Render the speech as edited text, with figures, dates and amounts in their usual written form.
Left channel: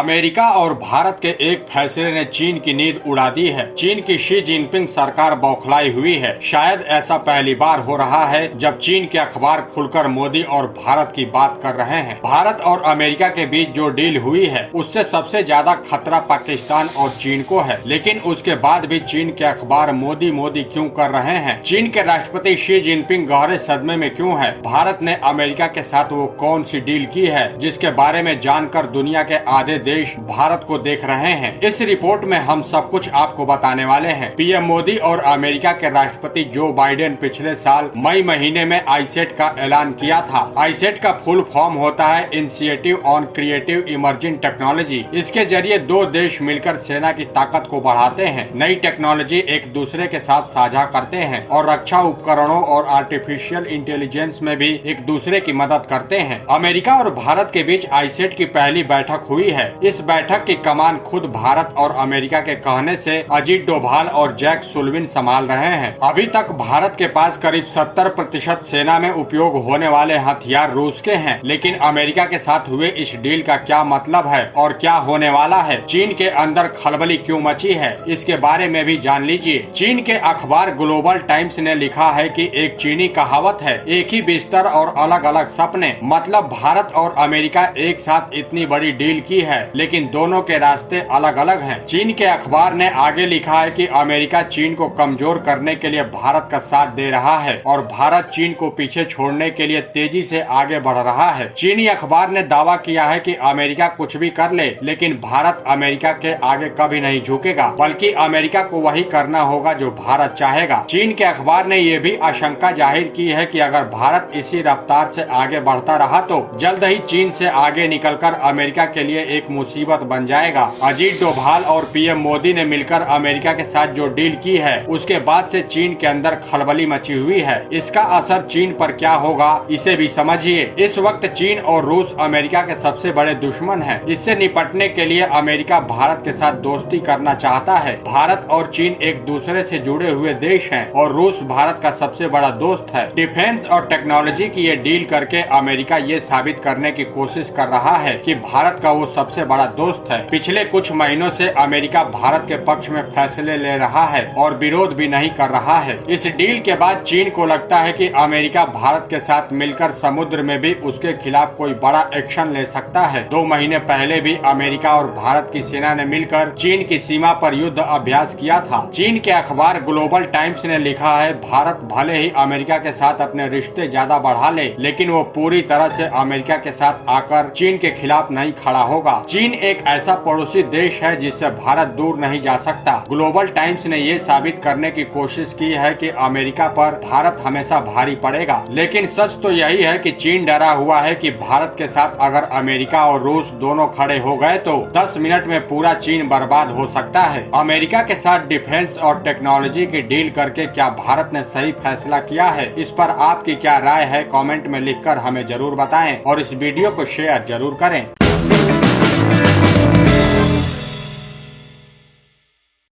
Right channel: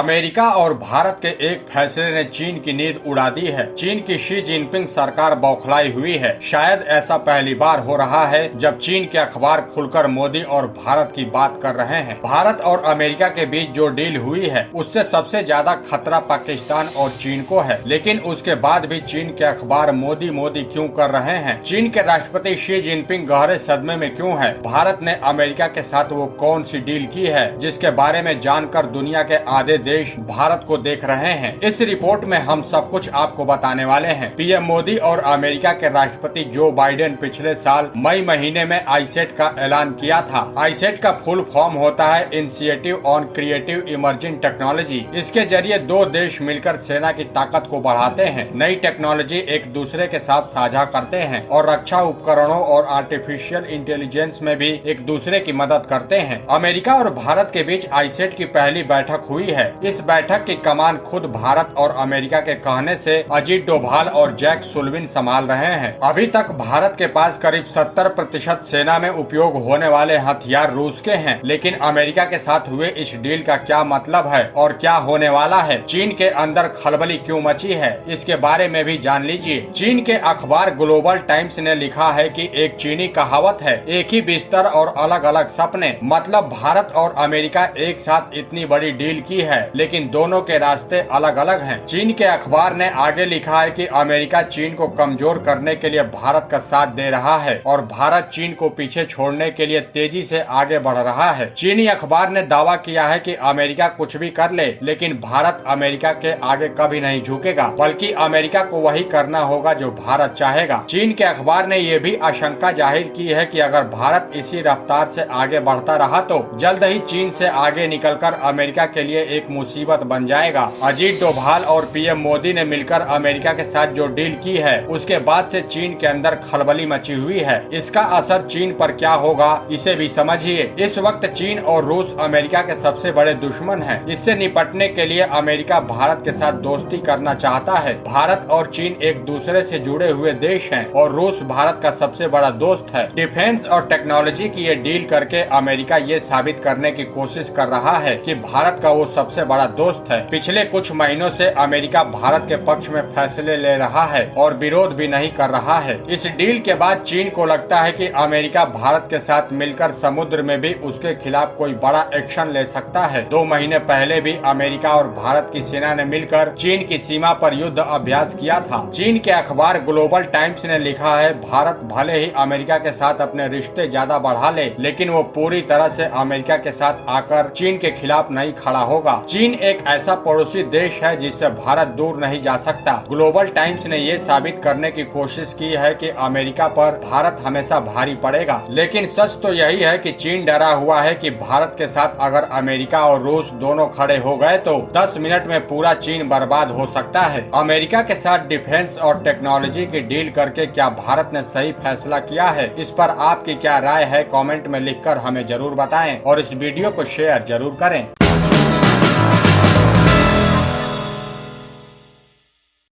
America और भारत के एक फैसले ने चीन की नींद उड़ा दी है। चीन की शी जिनपिंग सरकार बौखलाई हुई है। शायद ऐसा पहली बार हो रहा है जब चीन के अखबार खुलकर मोदी और भारत की बात कर रहे हैं। भारत और अमेरिका के बीच जो डील हुई है उससे सबसे ज्यादा खतरा पाकिस्तान और चीन को है, लेकिन उसके बाद भी चीन के अखबार मोदी मोदी क्यों कर रहे हैं? चीन के राष्ट्रपति शी जिनपिंग गहरे सदमे में क्यों है? भारत ने अमेरिका के साथ वो कौन सी डील की है जिसके बारे में जानकर दुनिया के आधे देश भारत को देख रहे हैं? इस रिपोर्ट में हम सब कुछ आपको बताने वाले हैं। पीएम मोदी और अमेरिका के राष्ट्रपति जो बाइडेन पिछले साल मई महीने में आईसेट का ऐलान किया था। आईसेट का फुल फॉर्म होता है initiative on creative emerging technology. इसके जरिए दो देश मिलकर सेना की ताकत को बढ़ाते हैं, नई टेक्नोलॉजी एक दूसरे के साथ साझा करते हैं और रक्षा उपकरणों और आर्टिफिशियल इंटेलिजेंस में भी एक दूसरे की मदद करते हैं। अमेरिका और भारत के बीच आईसेट की पहली बैठक हुई है। इस बैठक की कमान खुद भारत और अमेरिका के कहने से अजीत डोभाल और जैक सुल्लिवान संभाल रहे हैं। अभी तक भारत के पास करीब 70% सेना में उपयोग होने वाले हथियार रूस के हैं, लेकिन अमेरिका के साथ हुए इस डील का क्या मतलब है और क्या होने वाला है? चीन के अंदर खलबली क्यों मची है, इसके बारे में भी जान लीजिए। चीन के अखबार ग्लोबल टाइम्स ने लिखा है कि एक चीनी कहावत है, एक ही बिस्तर और अलग अलग सपने। मतलब भारत और अमेरिका एक साथ इतनी बड़ी डील की है, लेकिन दोनों के रास्ते अलग अलग हैं। चीन के अखबार ने आगे लिखा है कि अमेरिका चीन को कमजोर करने के लिए भारत का साथ दे रहा है और भारत चीन को पीछे छोड़ने के लिए तेजी से आगे बढ़ रहा है। चीनी अखबार ने दावा किया है कि अमेरिका कुछ भी कर ले, लेकिन भारत अमेरिका के आगे कभी नहीं झुकेगा, बल्कि अमेरिका को वही करना होगा जो भारत चाहेगा। चीन के अखबार ने ये भी आशंका जाहिर की है कि अगर भारत इसी रफ्तार से आगे बढ़ता रहा तो जल्द ही चीन से आगे निकलकर अमेरिका के लिए एक मुसीबत बन जाएगा। अजीत डोभाल और पीएम मोदी ने मिलकर अमेरिका के साथ जो डील की है उसके बाद से चीन के अंदर खलबली मची हुई है। इसका असर चीन पर क्या होगा इसे भी समझिए। इस वक्त चीन और रूस अमेरिका के सबसे बड़े दुश्मन हैं। इससे निपटने के लिए अमेरिका भारत के साथ दोस्ती करना चाहता है। भारत और चीन एक दूसरे से जुड़े हुए देश हैं और रूस भारत का सबसे बड़ा दोस्त है। डिफेंस और टेक्नोलॉजी की ये डील करके अमेरिका ये साबित करने की कोशिश कर रहा है कि भारत का वो सबसे बड़ा दोस्त है। पिछले कुछ महीनों से अमेरिका भारत के पक्ष में फैसले ले रहा है और विरोध भी नहीं कर रहा है। इस डील के बाद चीन को लगता है कि अमेरिका भारत के साथ मिलकर समुद्र में भी उसके खिलाफ कोई बड़ा एक्शन ले सकता है। 2 महीने पहले भी अमेरिका और भारत की सेना ने मिलकर चीन की सीमा पर युद्ध अभ्यास किया था। चीन के अखबार ग्लोबल टाइम्स ने लिखा है, भारत भले ही अमेरिका के साथ अपने रिश्ते ज्यादा बढ़ा ले, लेकिन वो पूरी तरह से अमेरिका के साथ आकर चीन के खिलाफ नहीं खड़ा होगा। चीन एक ऐसा पड़ोसी देश है जिससे भारत दूर नहीं जा सकता। ग्लोबल टाइम्स ने ये साबित करने की कोशिश की है कि अमेरिका पर भारत हमेशा भारी पड़ेगा, लेकिन सच तो यही है कि चीन डरा हुआ है कि भारत के साथ अगर अमेरिका और रूस दोनों खड़े हो गए तो 10 मिनट में पूरा चीन बर्बाद हो सकता है। अमेरिका के साथ डिफेंस और टेक्नोलॉजी की डील करके क्या भारत ने सही फैसला किया है? इस पर आपकी क्या राय है? कमेंट में लिखकर हमें जरूर बताएं और इस वीडियो को शेयर जरूर करें।